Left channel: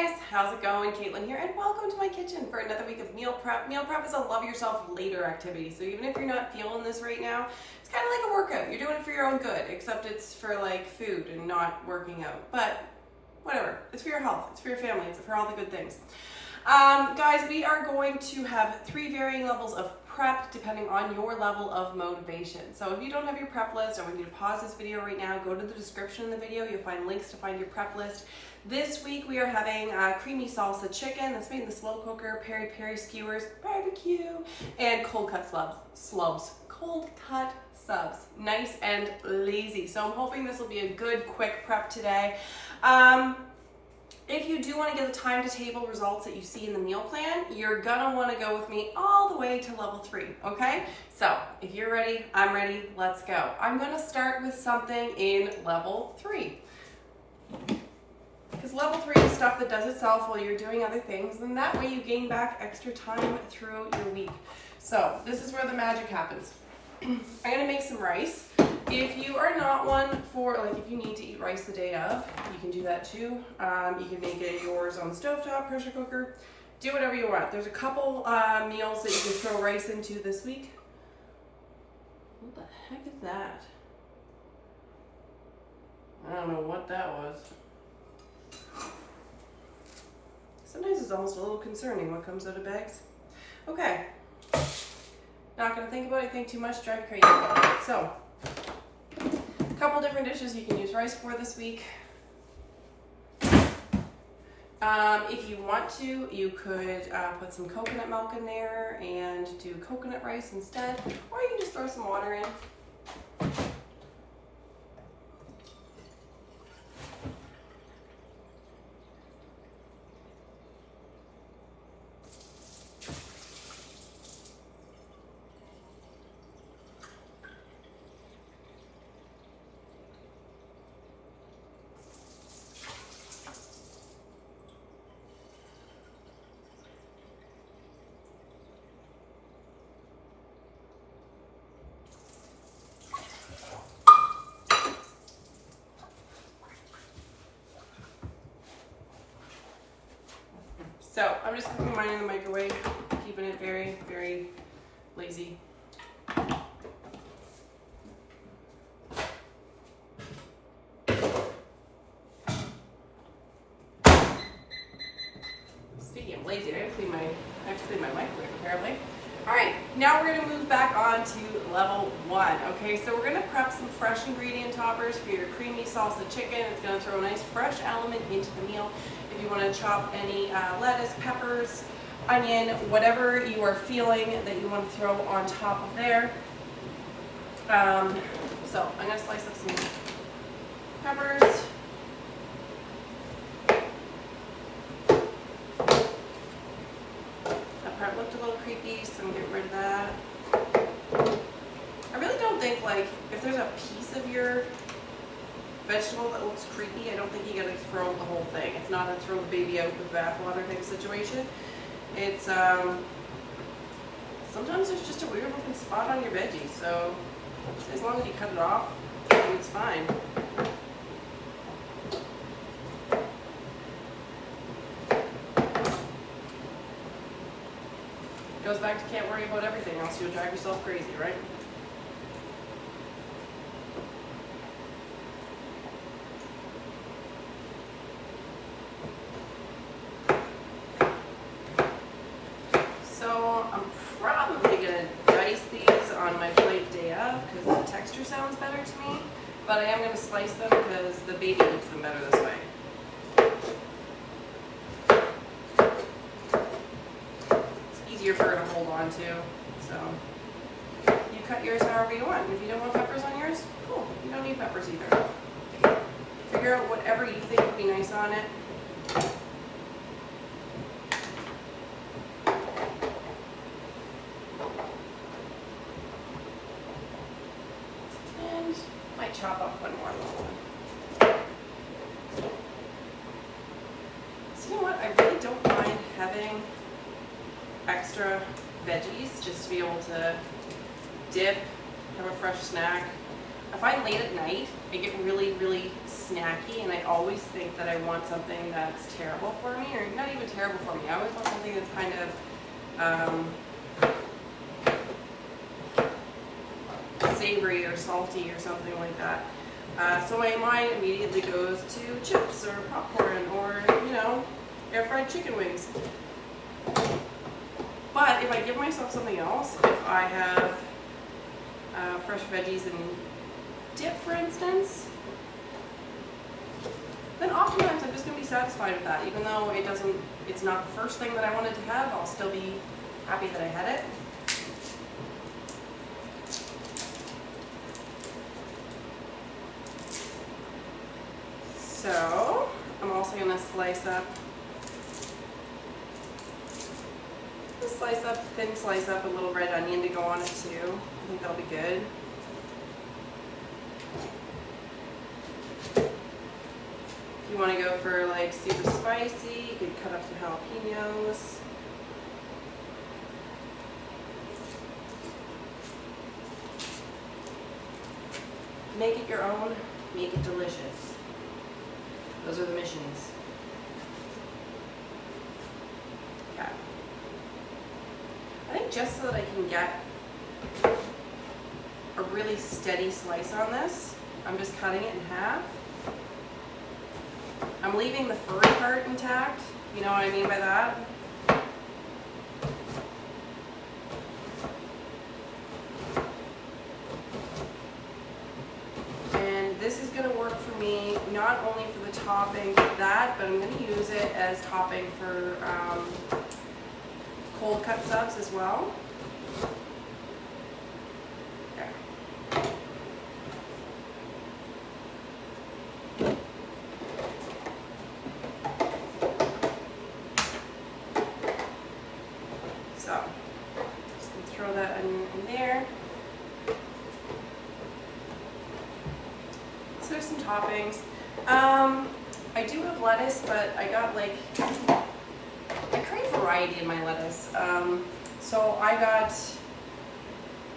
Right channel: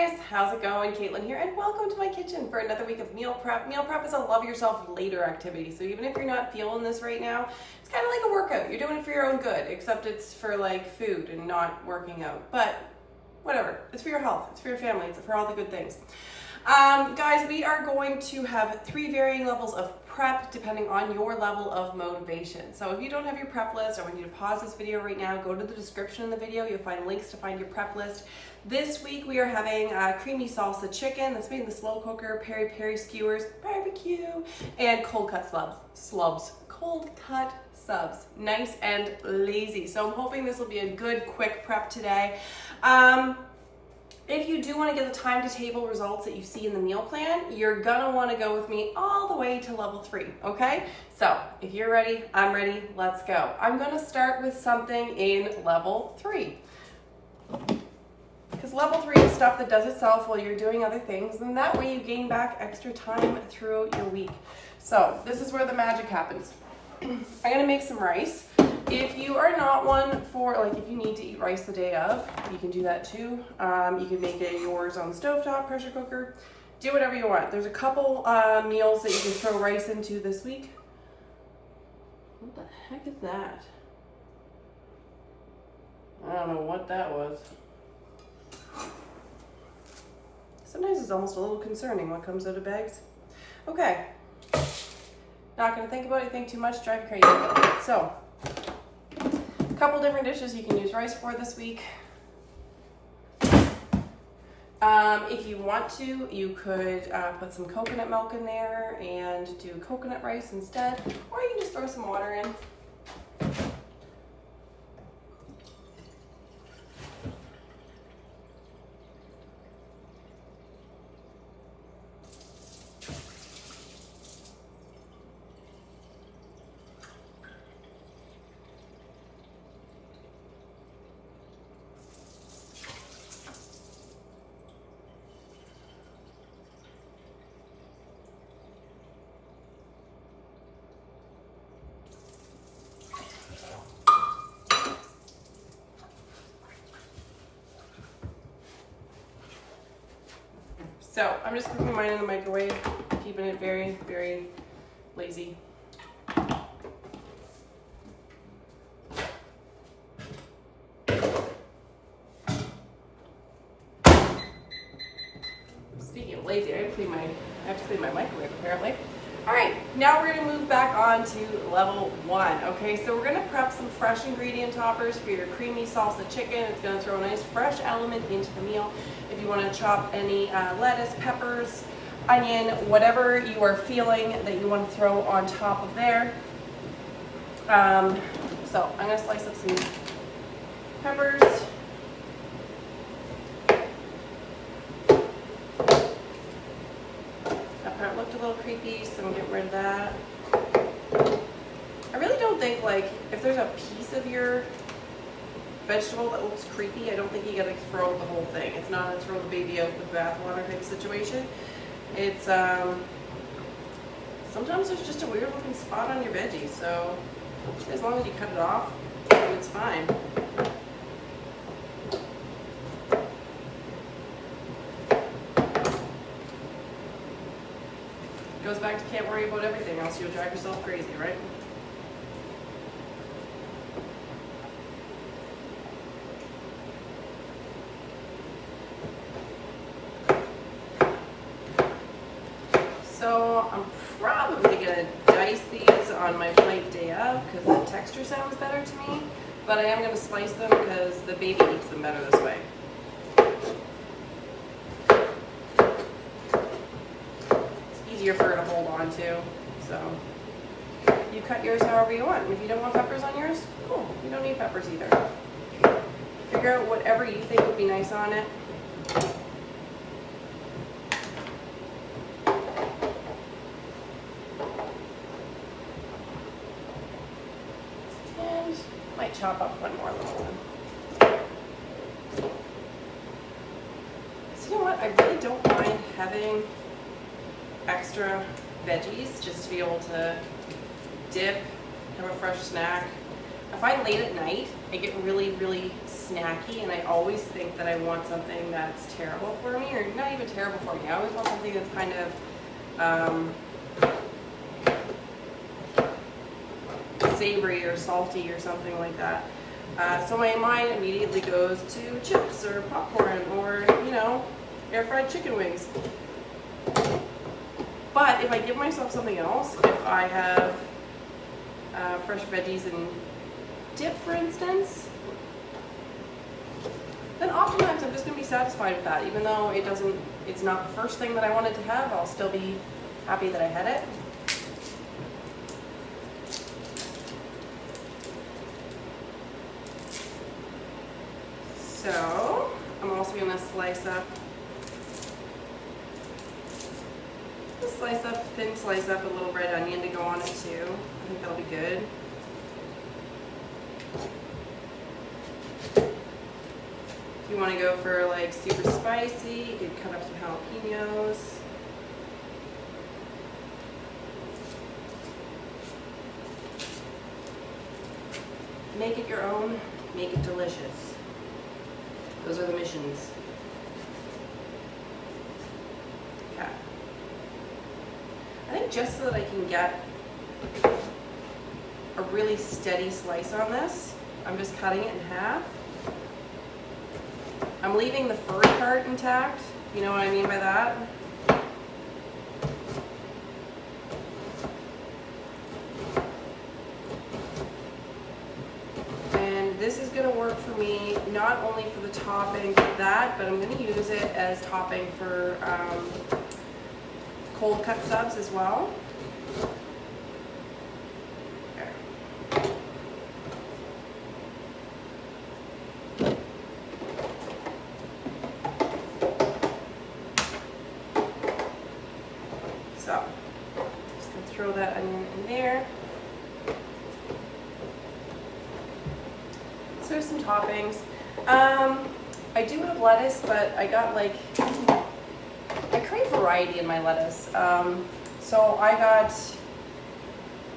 guys, how's it going? Caitlin here, and welcome to my kitchen for another week of meal prep. Meal prep is a love yourself later activity, so even if you're not feeling this right now, it's kind of like a workout. You're doing it for your own good, except it's for like food and not working out. But whatever, it's for your health, it's for your family, it's for all the good things. Guys, we are going to have 3 varying levels of prep depending on your level of motivation. So if you don't have your prep list, I want you to pause this video right now, go to the description in the video, you'll find links to find your prep list. This week we are having Creamy Salsa Chicken that's made in the slow cooker, Peri Skewers, barbecue, and cold cut subs. Nice and lazy. So I'm hoping this will be a good quick prep today. If you do want to get the time to table results that you see in the meal plan, you're gonna want to go with me all the way to level 3, okay? So if you're ready, I'm ready, let's go. I'm gonna start with something in level 3. Because level 3 is stuff that does itself while you're doing other things, and that way you gain back extra time throughout your week. So this is where the magic happens. I'm gonna make some rice. If you are not one for, like, if you need to eat rice the day of, you can do that too. You can make it yours on stovetop, pressure cooker, do whatever you want. There's a couple meals that you can throw rice into this week. What the heck is that? I don't know what that was. Sometimes it's almost a little concerning what comes out of bags. Okay. Not gonna think about it, think too much, drive crazy. So, a couple different dishes you can use rice for this week. If you want to, you could put some coconut milk in there and do coconut rice instead, or you can just throw some water in. So I'm just cooking mine in the microwave, keeping it very, very lazy. Speaking of lazy, I have to clean my microwave apparently. All right, now we're gonna move back on to level 1. Okay, so we're gonna prep some fresh ingredient toppers for your creamy salsa chicken. It's gonna throw a nice fresh element into the meal. If you wanna chop any lettuce, peppers, onion, whatever you are feeling that you wanna throw on top of there. So I'm gonna slice up some peppers. It looked a little creepy, so I'm getting rid of that. I really don't think, like, if there's a piece of your vegetable that looks creepy, I don't think you gotta throw the whole thing. It's not a throw the baby out with bathwater type of situation. It's, sometimes there's just a weird looking spot on your veggies, so as long as you cut it off, it's fine. Goes back to can't worry about everything else, you'll drive yourself crazy, right? So I'm probably gonna dice these on my plate day of because the texture sounds better to me, but I am gonna slice them because the baby eats them better this way. Easier for her to hold on to, so you cut yours however you want. If you don't want peppers on yours, cool, you don't need peppers either. Figure out whatever you think would be nice on it. And might chop up one more little one. So you know what, I really don't mind having extra veggies just to be able to dip, have a fresh snack. A if I'm late at night, I get really, really snacky, and I always think that I want something that's terrible for me, or not even terrible for me. I always want something that's kind of savory or salty or something like that. So my mind immediately goes to chips or popcorn or, you know, air fried chicken wings. But if I give myself something else, if I have fresh veggies and dip, for instance, then oftentimes I'm just going to be satisfied with that. Even though it's not the first thing that I wanted to have, I'll still be happy that I had it. So I'm also going to thin slice up a little red onion to go on it too. I think that'll be good. If you want to go for like super spicy, you could cut up some jalapenos. Make it your own, make it delicious. Those are the missions. Okay. I think just so that I can get a really steady slice on this, I'm just cutting it in half. I'm leaving the furry part intact. You know what I mean by that? And this is going to work for me not only for the topping for that, but I'm going to use it as topping for cold cut subs as well. So, just gonna throw that onion in there. So there's some toppings. I do have lettuce, but I got like, I crave variety in my lettuce. So I got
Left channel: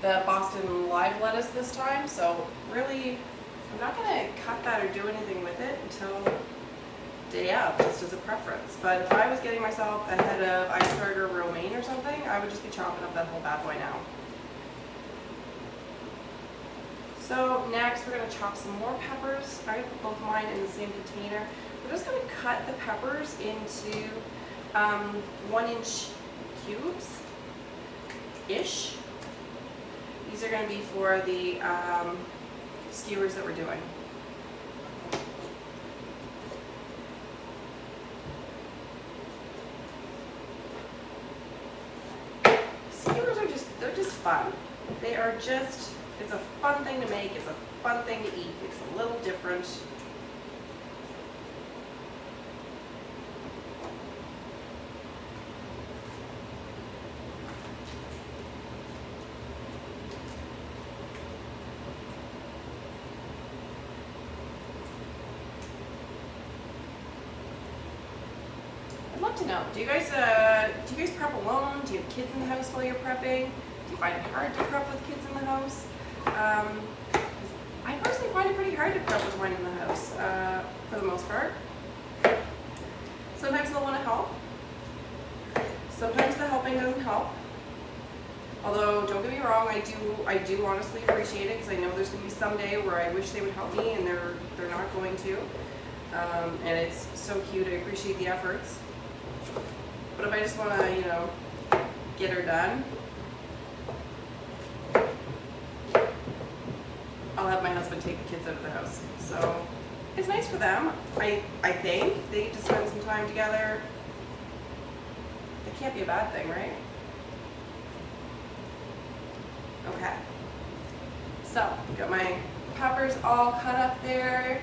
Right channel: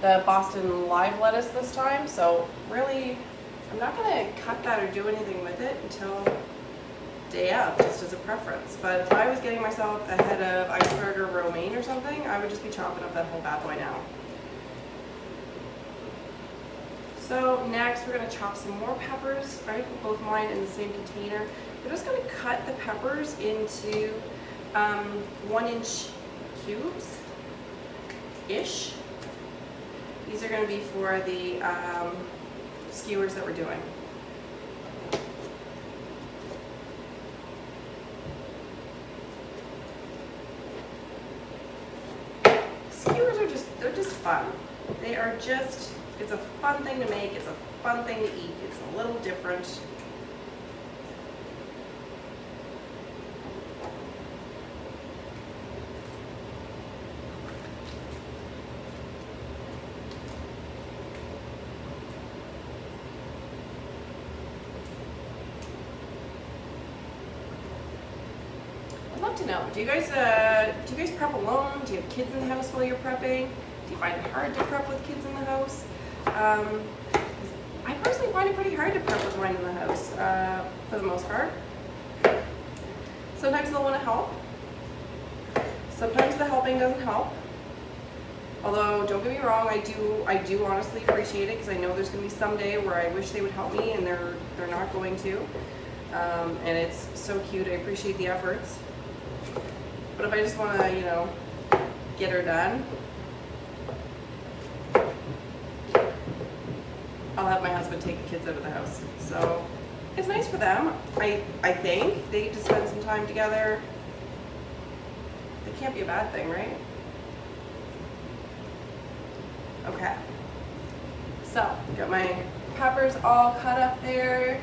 the Boston live lettuce this time. So really, I'm not gonna cut that or do anything with it until day of, just as a preference. But if I was getting myself a head of iceberg or romaine or something, I would just be chopping up that whole bad boy now. So next we're gonna chop some more peppers. I'm gonna put both mine in the same container. We're just gonna cut the peppers into 1-inch cubes-ish. These are gonna be for the skewers that we're doing. They're just fun. They are just, it's a fun thing to make, it's a fun thing to eat, it's a little different. I'd love to know, do you guys prep alone? Do you have kids in the house while you're prepping? Do you find it hard to prep with kids in the house? I personally find it pretty hard to prep with mine in the house, for the most part. Sometimes they'll want to help. Sometimes the helping doesn't help. Although, don't get me wrong, I do honestly appreciate it, because I know there's going to be some day where I wish they would help me, and they're not going to. And it's so cute. I appreciate the efforts. But if I just want to, you know, get her done, I'll have my husband take the kids out of the house. So it's nice for them. I think they get to spend some time together. It can't be a bad thing, right? Okay. So got my peppers all cut up there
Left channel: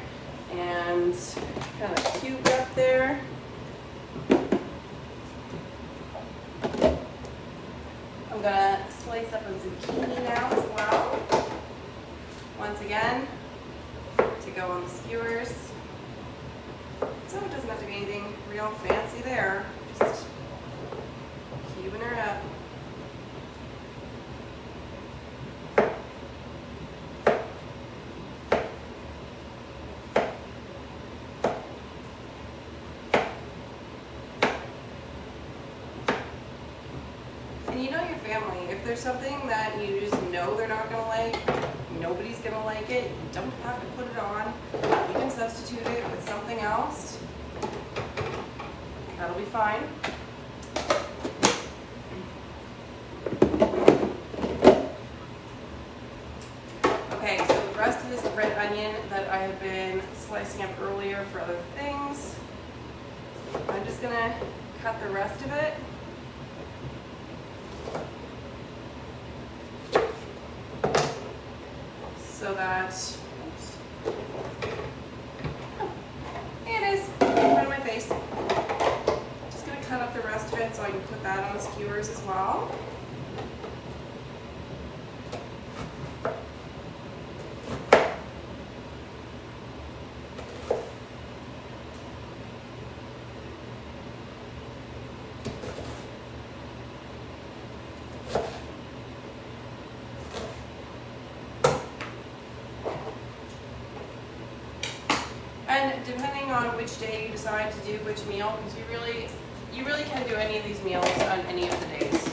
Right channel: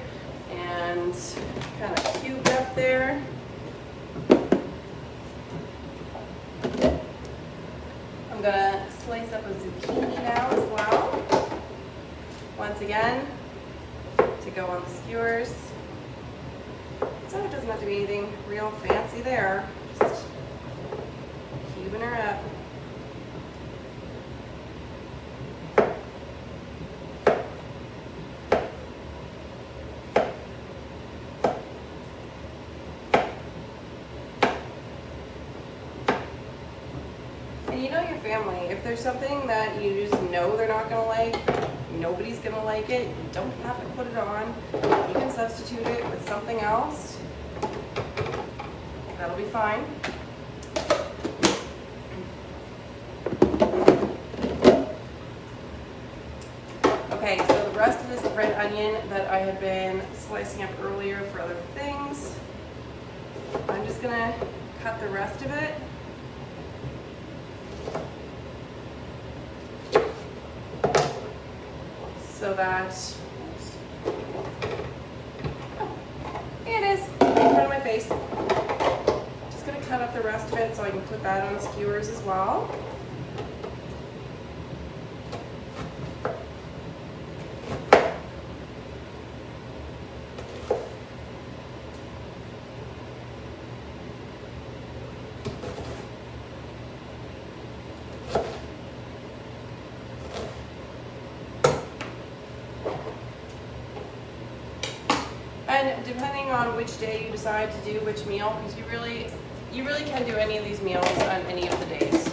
and kind of cubed up there. I'm gonna slice up a zucchini now as well. Once again, to go on the skewers. So it doesn't have to be anything real fancy there. Just cubing her up. And you know your family. If there's something that you just know they're not gonna like, nobody's gonna like it, you don't have to put it on. You can substitute it with something else. That'll be fine. Okay, so the rest of this red onion that I have been slicing up earlier for other things, I'm just gonna cut the rest of it. So that, oh, there it is, in front of my face. Just gonna cut up the rest of it so I can put that on the skewers as well. And depending on which day you decide to do which meal, because you really can do any of these meals on any of the days.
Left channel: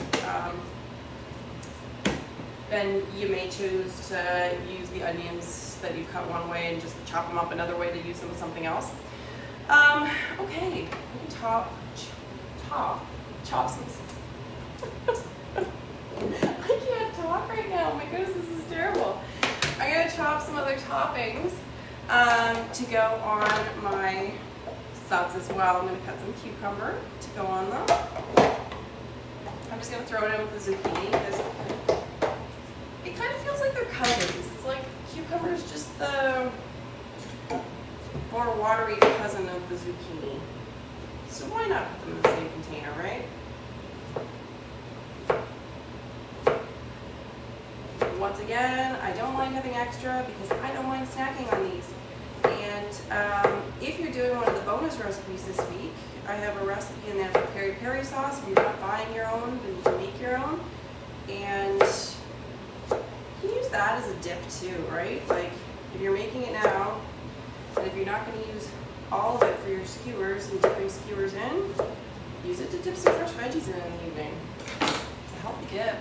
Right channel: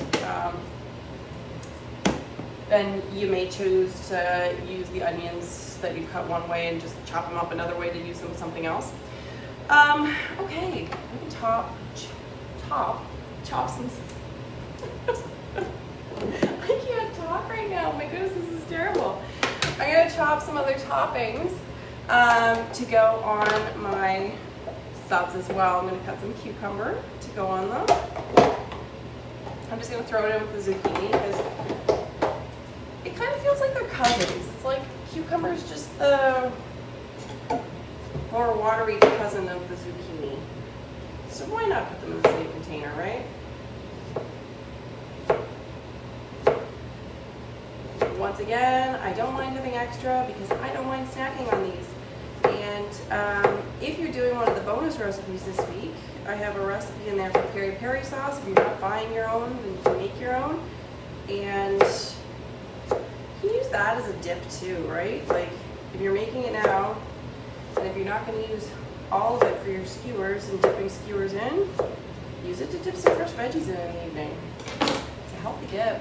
Then you may choose to use the onions that you cut one way and just chop them up another way to use them with something else. Okay, I can chop some. I can't talk right now. My goodness, this is terrible. I'm gonna chop some other toppings to go on my subs as well. I'm gonna cut some cucumber to go on them. I'm just gonna throw it in with the zucchini because it kind of feels like they're cousins. It's like cucumber is just the more watery cousin of the zucchini. So why not put them in the same container, right? Once again, I don't mind having extra because I don't mind snacking on these. And if you're doing one of the bonus recipes this week, I have a recipe in there for peri sauce. If you're not buying your own, then you can make your own. And you can use that as a dip too, right? Like if you're making it now, and if you're not going to use all of it for your skewers and dipping skewers in, use it to dip some fresh veggies in the evening. It's a healthy dip.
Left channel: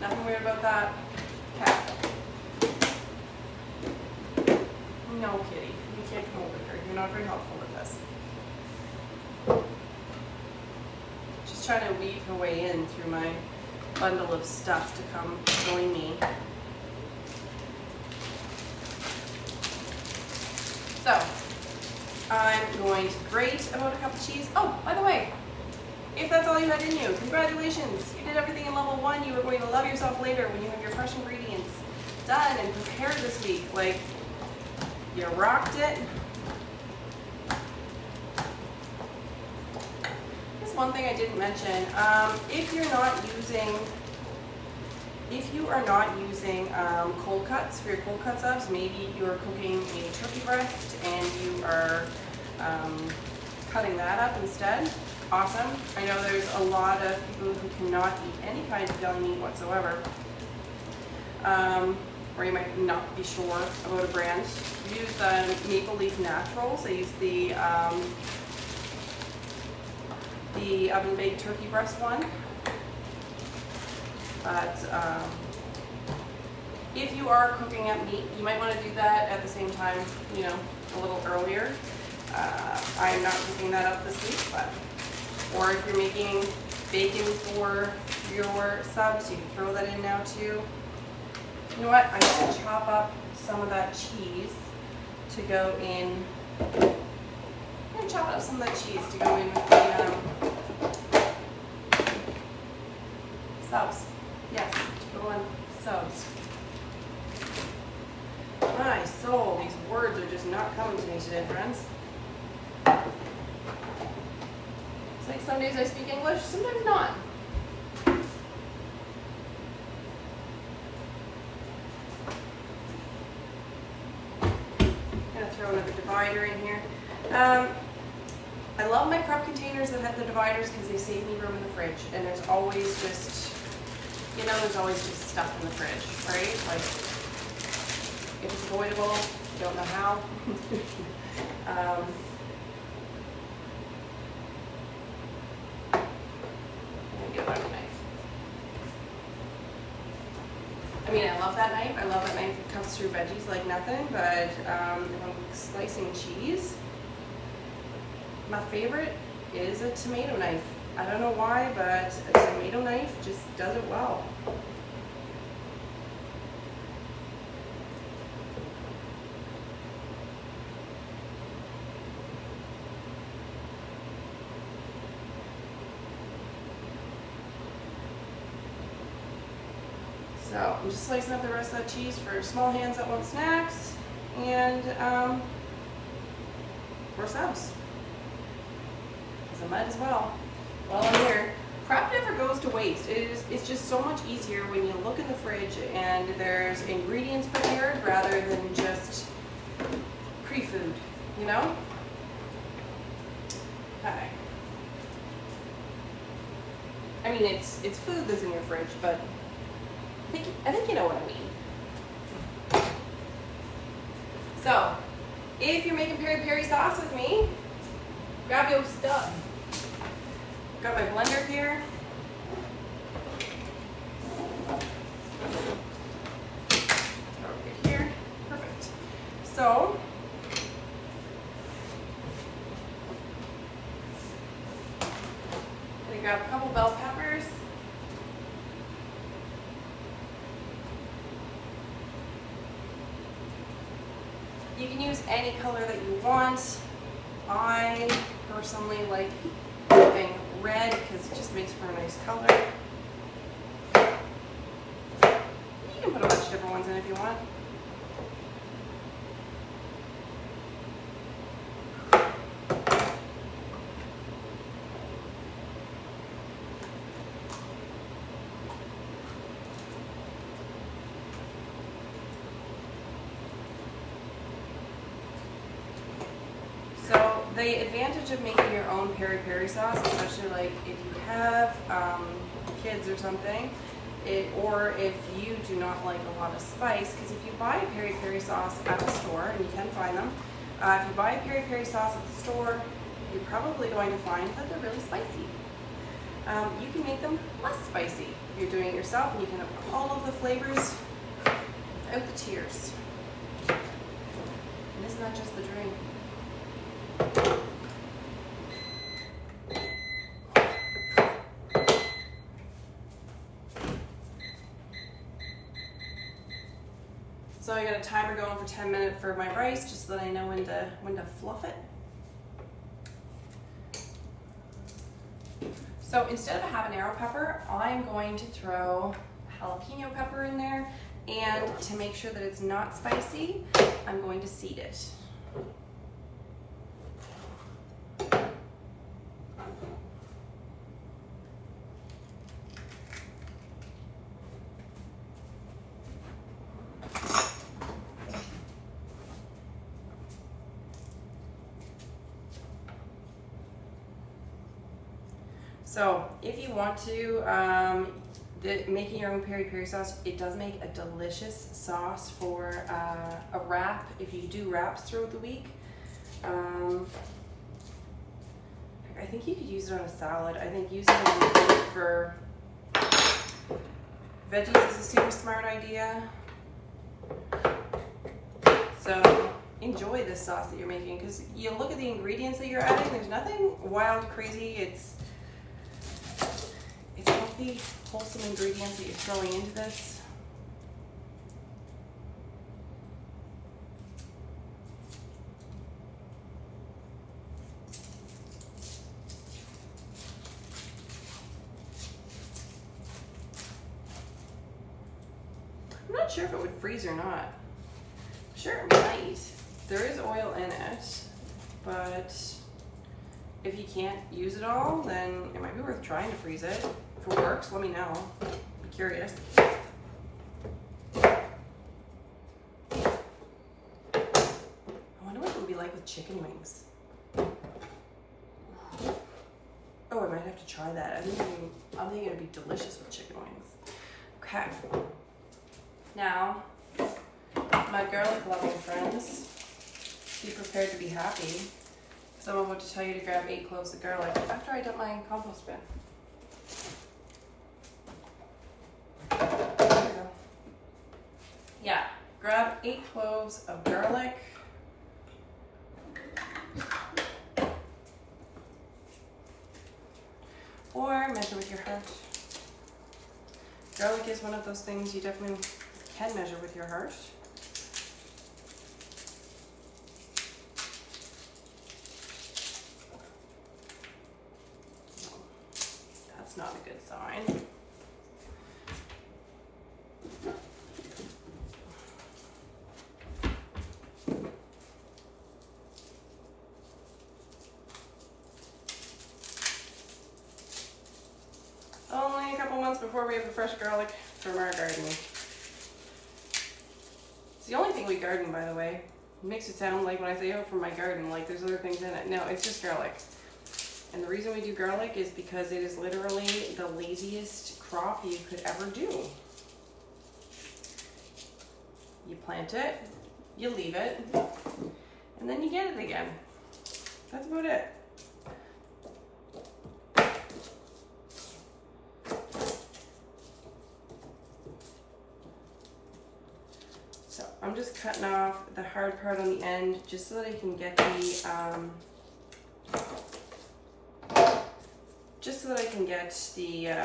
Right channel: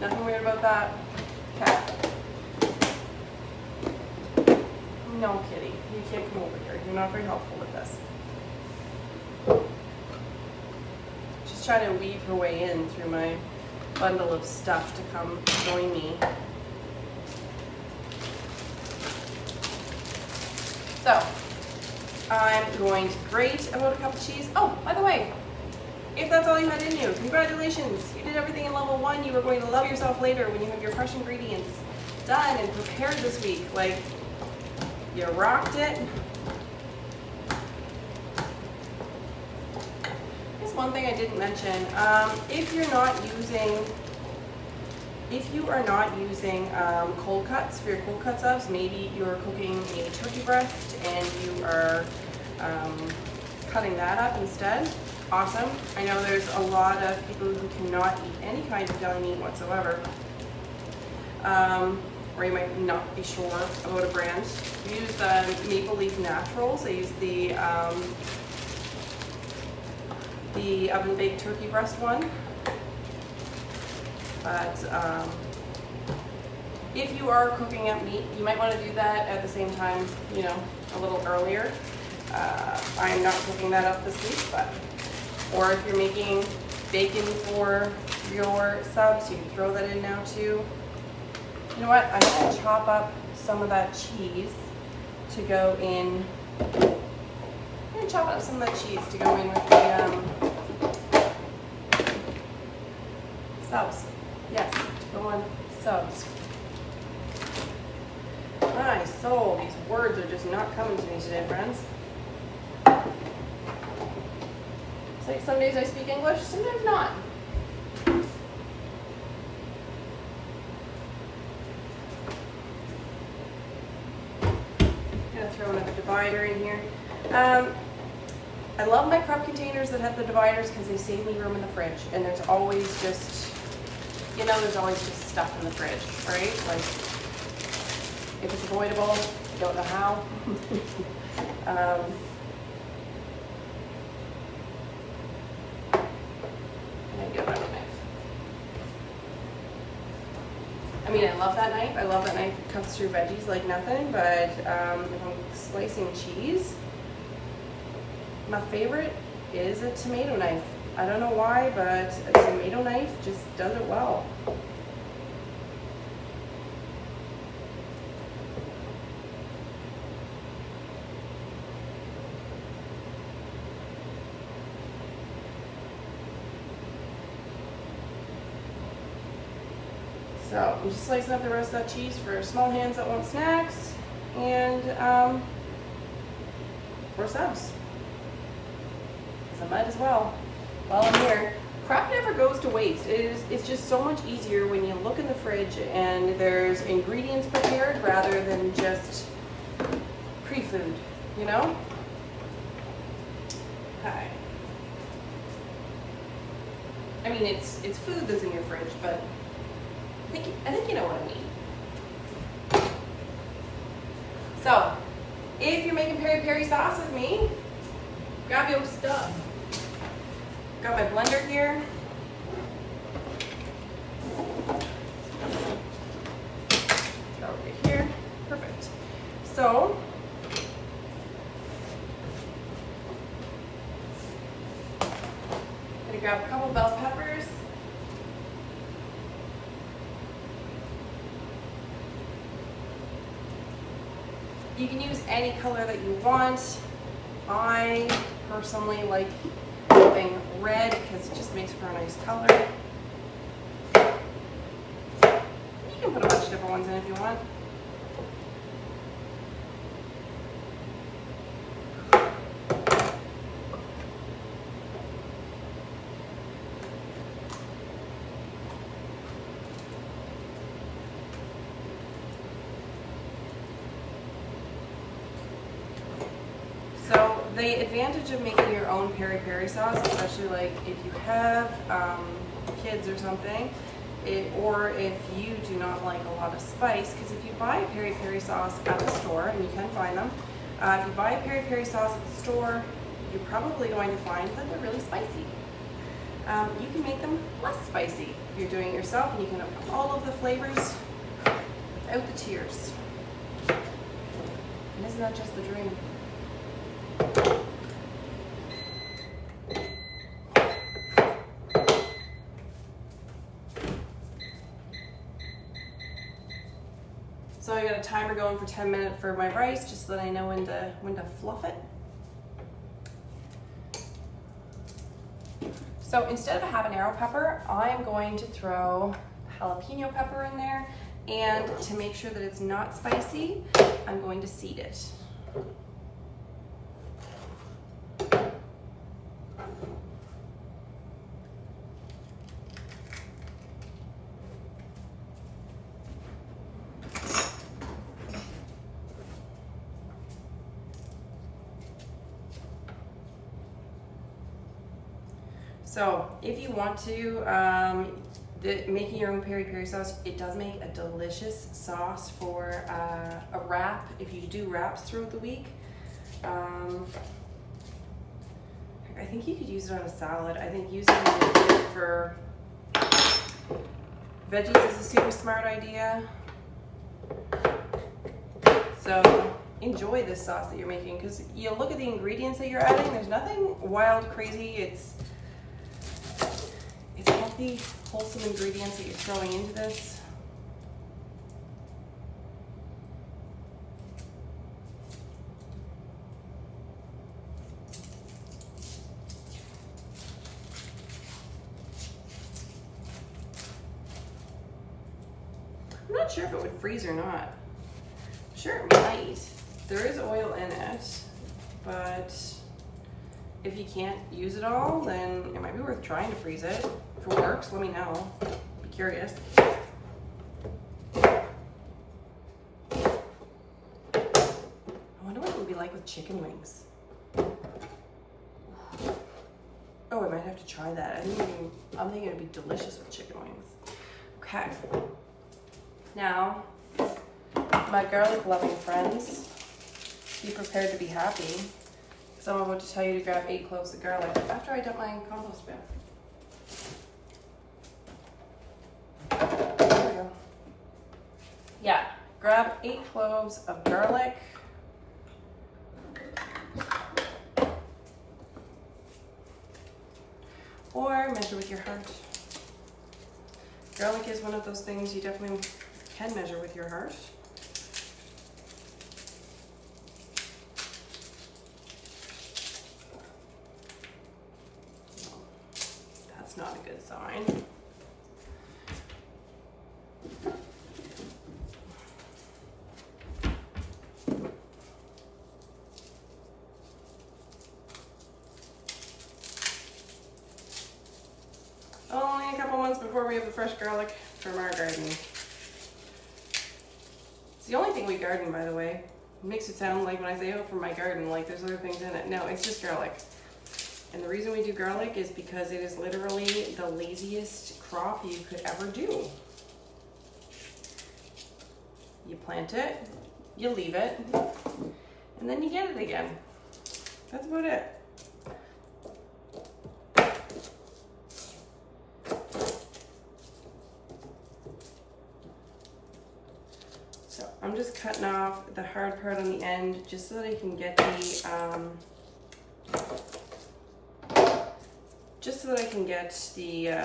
Nothing weird about that. Okay. No, kitty. You can't come over here. You're not very helpful with this. She's trying to weave her way in through my bundle of stuff to come join me. So, I'm going to grate about a cup of cheese. Oh, by the way, if that's all you had in you, congratulations. You did everything in level 1. You are going to love yourself later when you have your fresh ingredients done and prepared this week. Like, you rocked it. Here's one thing I didn't mention. If you are not using cold cuts for your cold cut subs, maybe you're cooking a turkey breast and you are cutting that up instead. Awesome. I know there's a lot of people who cannot eat any kind of deli meat whatsoever. Or you might not be sure about a brand. Use the Maple Leaf Naturals. I use the oven baked turkey breast one. But if you are cooking up meat, you might want to do that at the same time, you know, a little earlier. I am not cooking that up this week, but or if you're making bacon for your subs, you can throw that in now too. You know what? I'm going to chop up some of that cheese to go in. I'm going to chop up some of that cheese to go in with the subs. Yes, go on subs. My soul, these words are just not coming to me today, friends. It's like some days I speak English, sometimes not. Throw another divider in here. I love my prep containers that have the dividers because they save me room in the fridge. And there's always just, you know, there's always just stuff in the fridge, right? Like, if it's avoidable, I don't know how. And get my knife. I mean, I love that knife. I love that knife. It cuts through veggies like nothing, but if I'm slicing cheese, my favorite is a tomato knife. I don't know why, but a tomato knife just does it well. So I'm just slicing up the rest of that cheese for small hands that want snacks and for subs. Because I might as well while I'm here. Prep never goes to waste. It's just so much easier when you look in the fridge and there's ingredients prepared rather than just pre-food, you know? Okay. I mean, it's food that's in your fridge, but I think you know what I mean. So, if you're making peri sauce with me, grab your stuff. Got my blender here. Over here. Perfect. So, I'm gonna grab a couple bell peppers. You can use any color that you want. I personally like something red because it just makes for a nice color. You can put a bunch of different ones in if you want. So the advantage of making your own peri sauce, especially like if you have kids or something, or if you do not like a lot of spice, because if you buy a peri sauce at the store, and you can find them, if you buy a peri sauce at the store, you're probably going to find that they're really spicy. You can make them less spicy if you're doing it yourself, and you can have all of the flavors without the tears. And isn't that just the dream? So I got a timer going for 10 minutes for my rice, just so that I know when to fluff it. So instead of a habanero pepper, I'm going to throw jalapeno pepper in there, and to make sure that it's not spicy, I'm going to seed it. So if you want to, making your own peri sauce, it does make a delicious sauce for a wrap, if you do wraps throughout the week. I think you could use it on a salad. I think using it for veggies is a super smart idea. So enjoy this sauce that you're making, because you look at the ingredients that you're adding, there's nothing wild, crazy. It's healthy, wholesome ingredients that you're throwing into this. I'm not sure if it would freeze or not. Sure, it might. There is oil in it, but if you can't use it all, then it might be worth trying to freeze it. If it works, let me know. Be curious. I wonder what it would be like with chicken wings. Oh, I might have to try that. I'm thinking it'd be delicious with chicken wings. Okay. Now, my garlic loving friends, be prepared to be happy. So I'm about to tell you to grab 8 cloves of garlic after I dump my compost bin. 8 cloves of garlic. Or measure with your heart. Garlic is one of those things you definitely can measure with your heart. No, that's not a good sign. Only a couple months before we have the fresh garlic from our garden. It's the only thing we garden, by the way. It makes it sound like when I say, oh, from my garden, like there's other things in it. No, it's just garlic. And the reason we do garlic is because it is literally the laziest crop you could ever do. You plant it, you leave it, and then you get it again. That's about it. So I'm just cutting off the hard part on the end just so that I can get the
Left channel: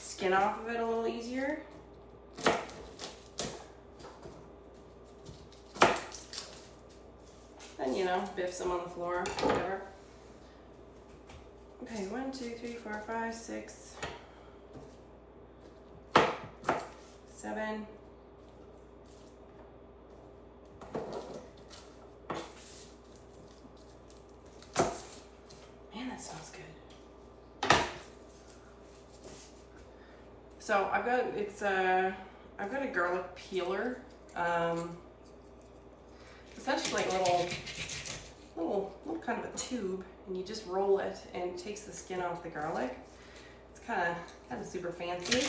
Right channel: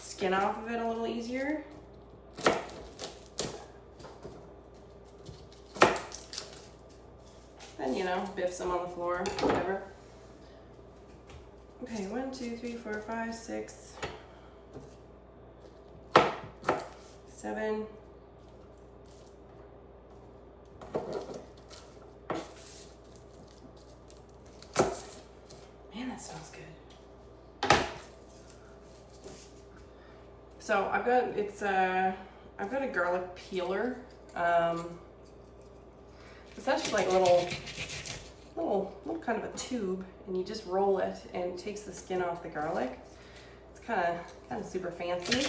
skin off of it a little easier. And you know, biff some on the floor, whatever. Okay, 1, 2, 3, 4, 5, 6, 7. Man, that smells good. So I've got a garlic peeler. It's actually like a little kind of a tube, and you just roll it and it takes the skin off the garlic. It's kind of super fancy.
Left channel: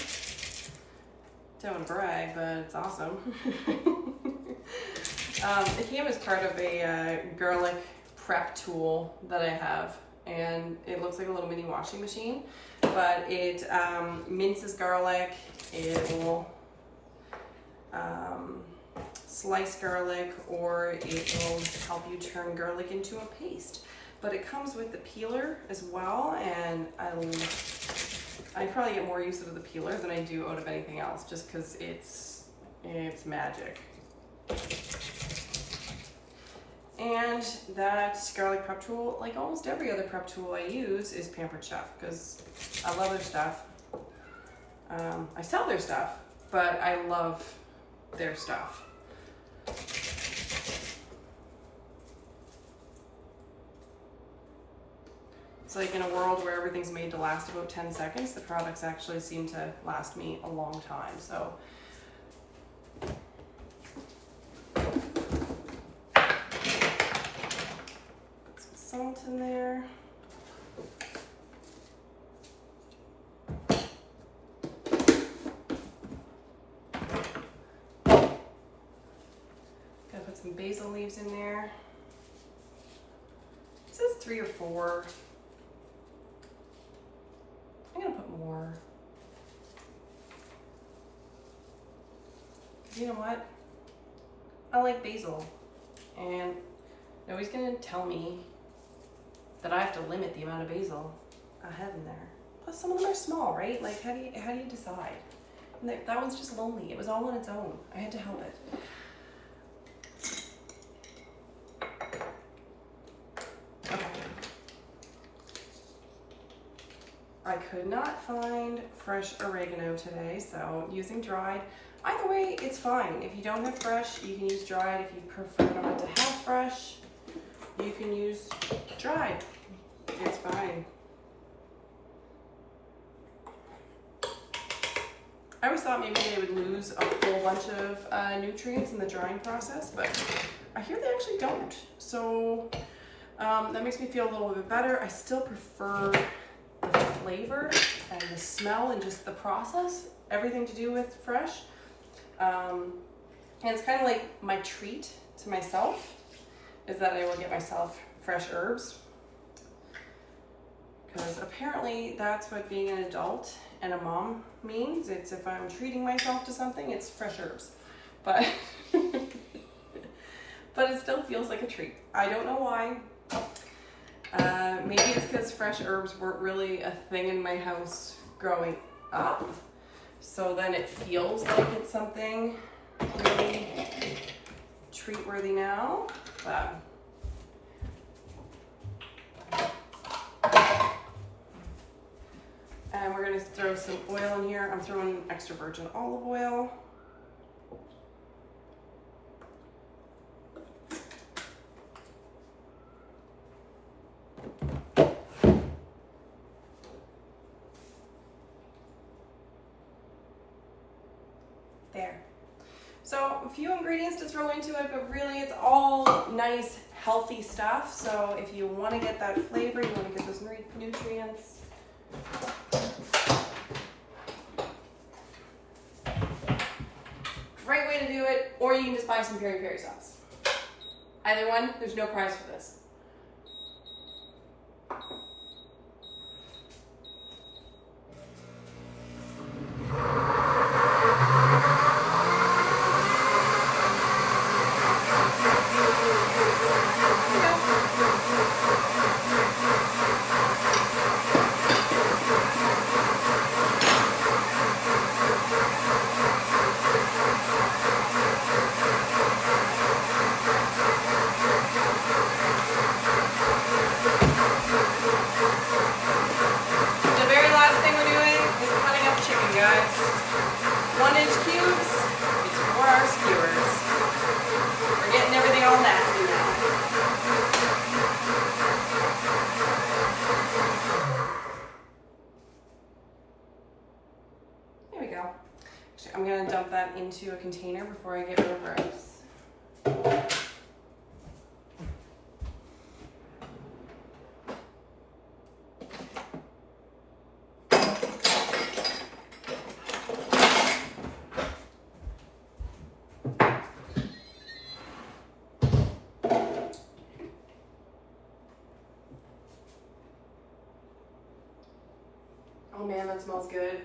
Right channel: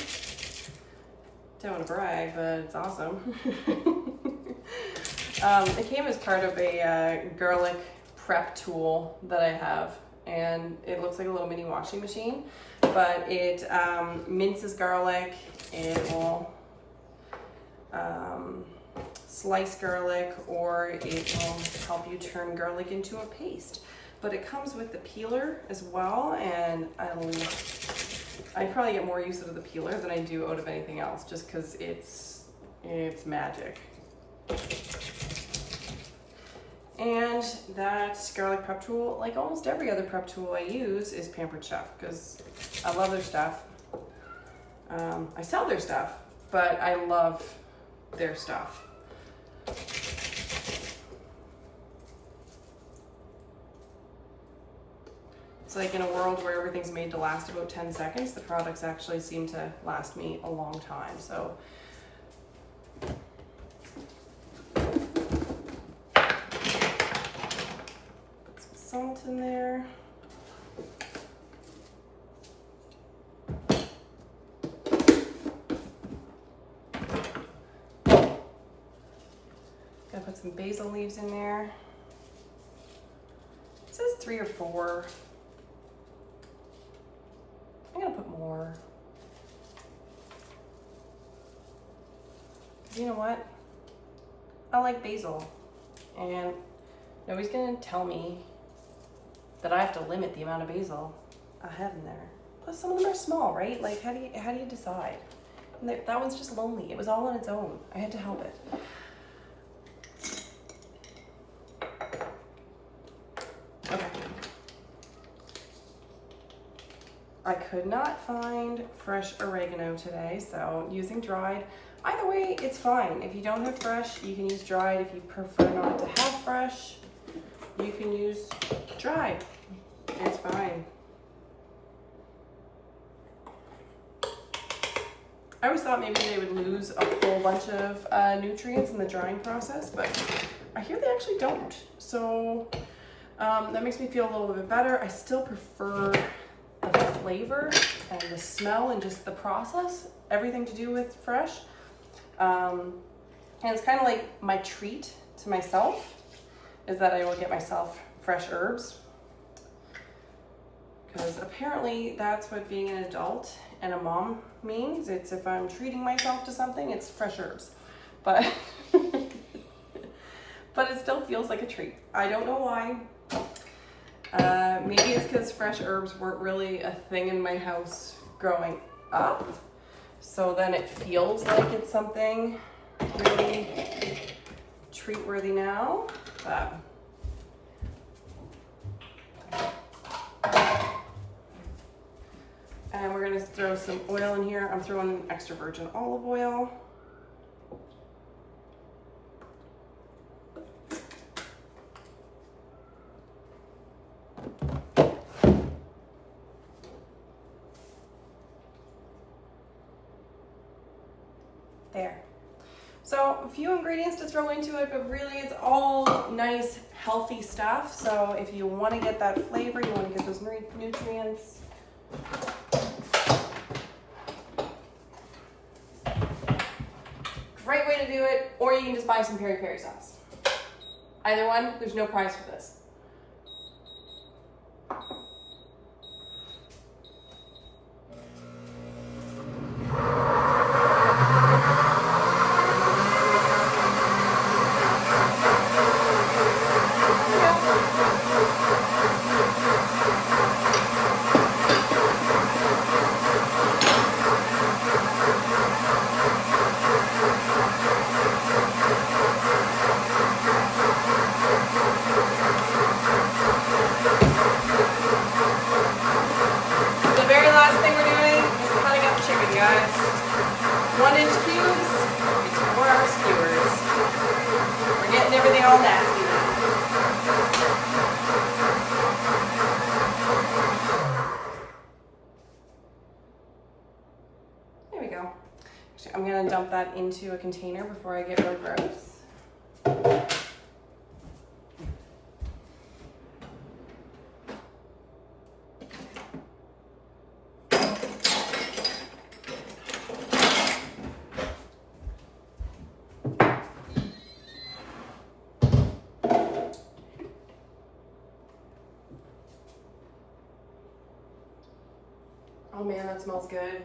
Don't want to brag, but it's awesome. It came as part of a garlic prep tool that I have, and it looks like a little mini washing machine, but it minces garlic. It will slice garlic, or it will help you turn garlic into a paste. But it comes with the peeler as well, and I probably get more use out of the peeler than I do out of anything else, just because it's magic. And that garlic prep tool, like almost every other prep tool I use, is Pampered Chef, because I love their stuff. I sell their stuff, but I love their stuff. It's like in a world where everything's made to last about 10 seconds, the products actually seem to last me a long time. So put some salt in there. Gotta put some basil leaves in there. It says 3 or 4. I'm gonna put more. You know what? I like basil, and nobody's gonna tell me that I have to limit the amount of basil I have in there. Plus, some of them are small, right? Like, how do you decide? And that one's just lonely. It was all on its own. I had to help it. Okay. I could not find fresh oregano today, so using dried. Either way, it's fine. If you don't have fresh, you can use dried. If you prefer not to have fresh, you can use dried. It's fine. I always thought maybe they would lose a whole bunch of nutrients in the drying process, but I hear they actually don't. So that makes me feel a little bit better. I still prefer the flavor and the smell and just the process, everything to do with fresh. And it's kind of like my treat to myself is that I will get myself fresh herbs, because apparently that's what being an adult and a mom means. It's if I'm treating myself to something, it's fresh herbs. But but it still feels like a treat. I don't know why. Maybe it's because fresh herbs weren't really a thing in my house growing up. So then it feels like it's something really treat-worthy now. And we're gonna throw some oil in here. I'm throwing extra virgin olive oil. There. So a few ingredients to throw into it, but really it's all nice, healthy stuff. So if you want to get that flavor, you want to get those nutrients. Great way to do it, or you can just buy some peri sauce. Either one, there's no price for this. Guys, 1-inch cubes, it's for our skewers. We're getting everything all nasty now. There we go. Actually, I'm gonna dump that into a container before I get real gross. Oh man, that smells good.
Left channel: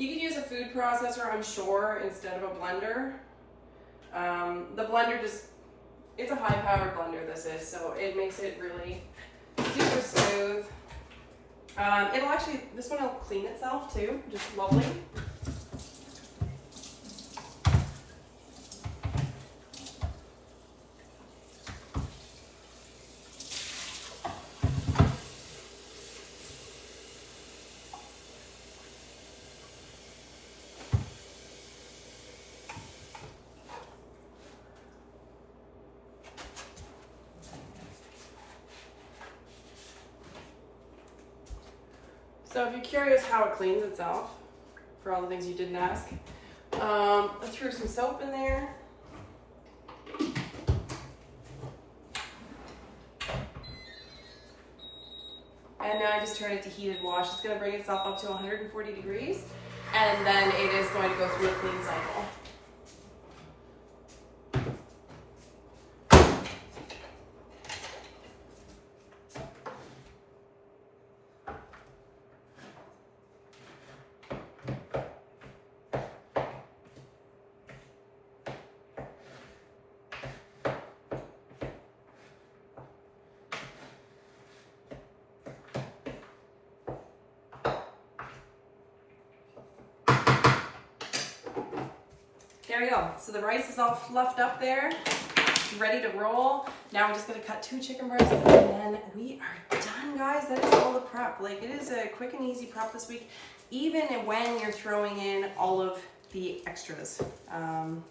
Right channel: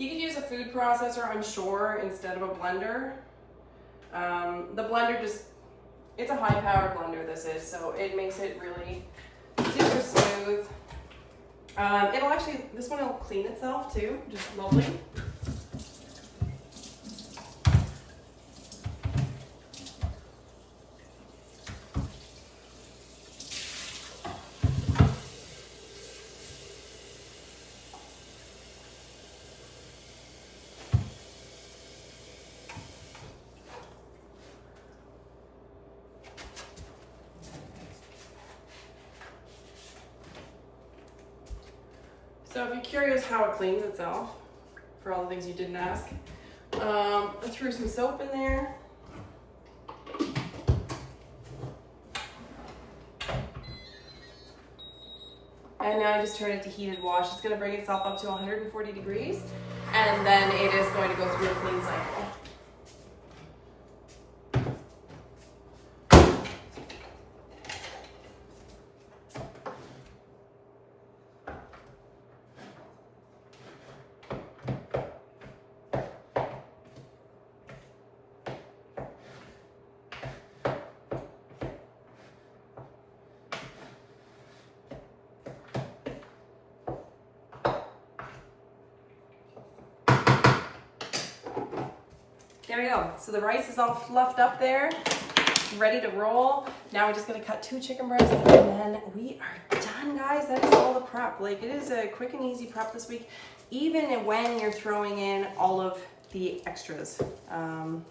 You could use a food processor, I'm sure, instead of a blender. The blender it's a high-powered blender, this is, so it makes it really super smooth. This one will clean itself too, just lovely. So if you're curious how it cleans itself, for all the things you didn't ask, I threw some soap in there. And now I just turn it to heated wash. It's going to bring itself up to 140 degrees, and then it is going to go through a clean cycle. There we go. So the rice is all fluffed up there, ready to roll. Now we're just gonna cut 2 chicken breasts and then we are done, guys. That is all the prep. Like, it is a quick and easy prep this week, even when you're throwing in all of the extras. You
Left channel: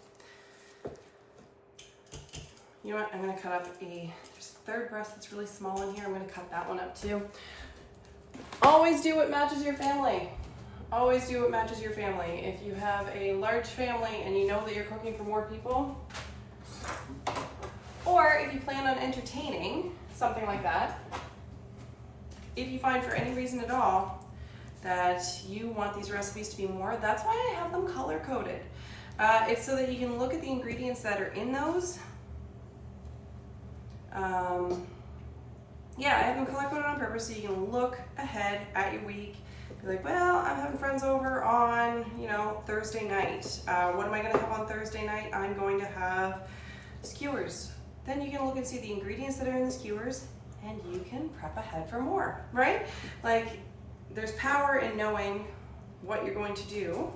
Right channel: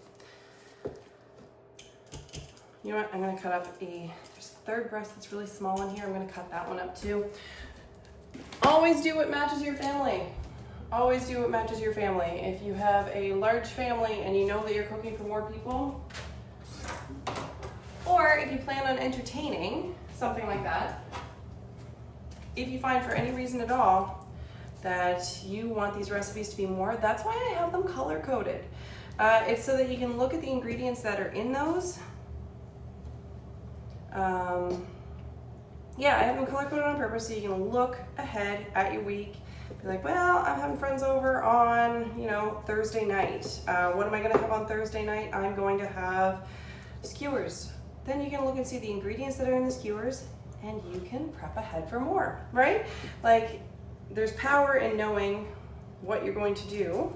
know what? I'm gonna cut up there's a 3rd breast that's really small in here. I'm gonna cut that one up too. Always do what matches your family. always do what matches your family. If you have a large family and you know that you're cooking for more people, or if you plan on entertaining, something like that, if you find for any reason at all that you want these recipes to be more, that's why I have them color coded. It's so that you can look at the ingredients that are in those. Yeah, I have them color coded on purpose so you can look ahead at your week. Be like, well, I'm having friends over on, you know, Thursday night. What am I gonna have on Thursday night? I'm going to have skewers. Then you can look and see the ingredients that are in the skewers and you can prep ahead for more, right? Like, there's power in knowing what you're going to do.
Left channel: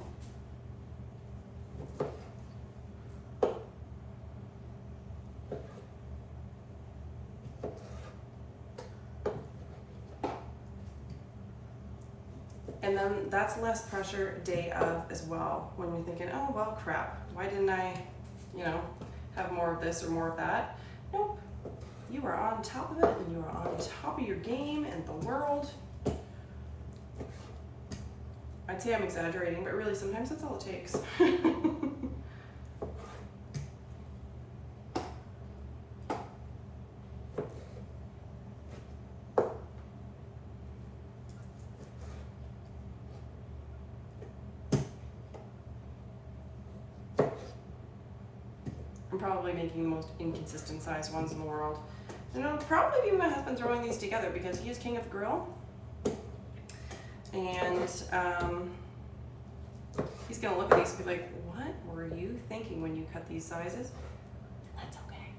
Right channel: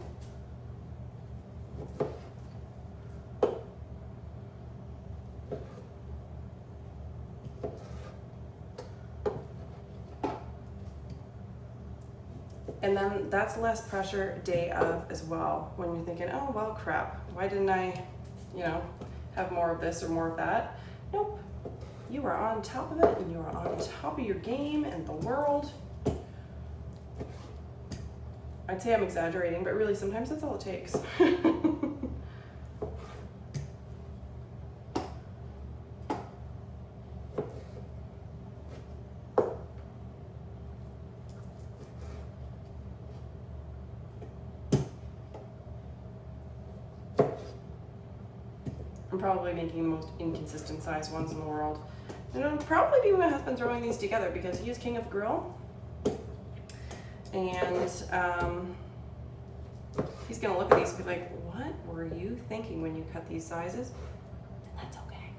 And then that's less pressure day of as well, when you're thinking, oh, well, crap, why didn't I, you know, have more of this or more of that? Nope, you are on top of it and you are on top of your game and the world. I'd say I'm exaggerating, but really sometimes that's all it takes. I'm probably making the most inconsistent size ones in the world. And it'll probably be my husband throwing these together because he is king of the grill. And he's gonna look at these and be like, what were you thinking when you cut these sizes? And that's okay.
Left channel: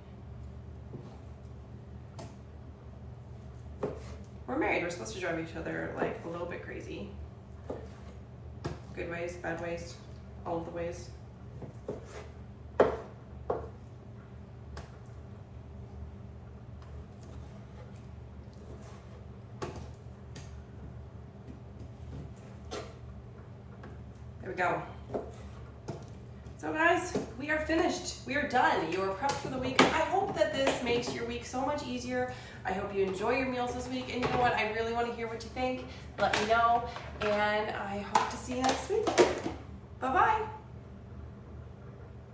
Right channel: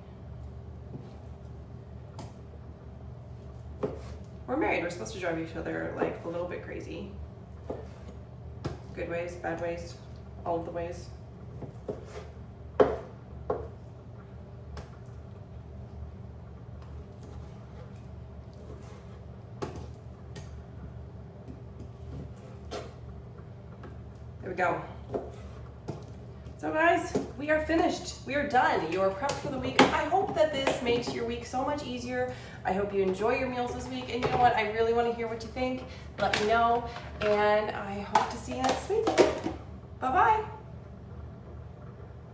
We're married, we're supposed to drive each other like a little bit crazy. Good ways, bad ways, all of the ways. There we go. So guys, we are finished. We are done. You are prepped for the week. I hope that this makes your week so much easier. I hope you enjoy your meals this week. And you know what? I really want to hear what you think. Let me know. And I hope to see you next week. Bye-bye.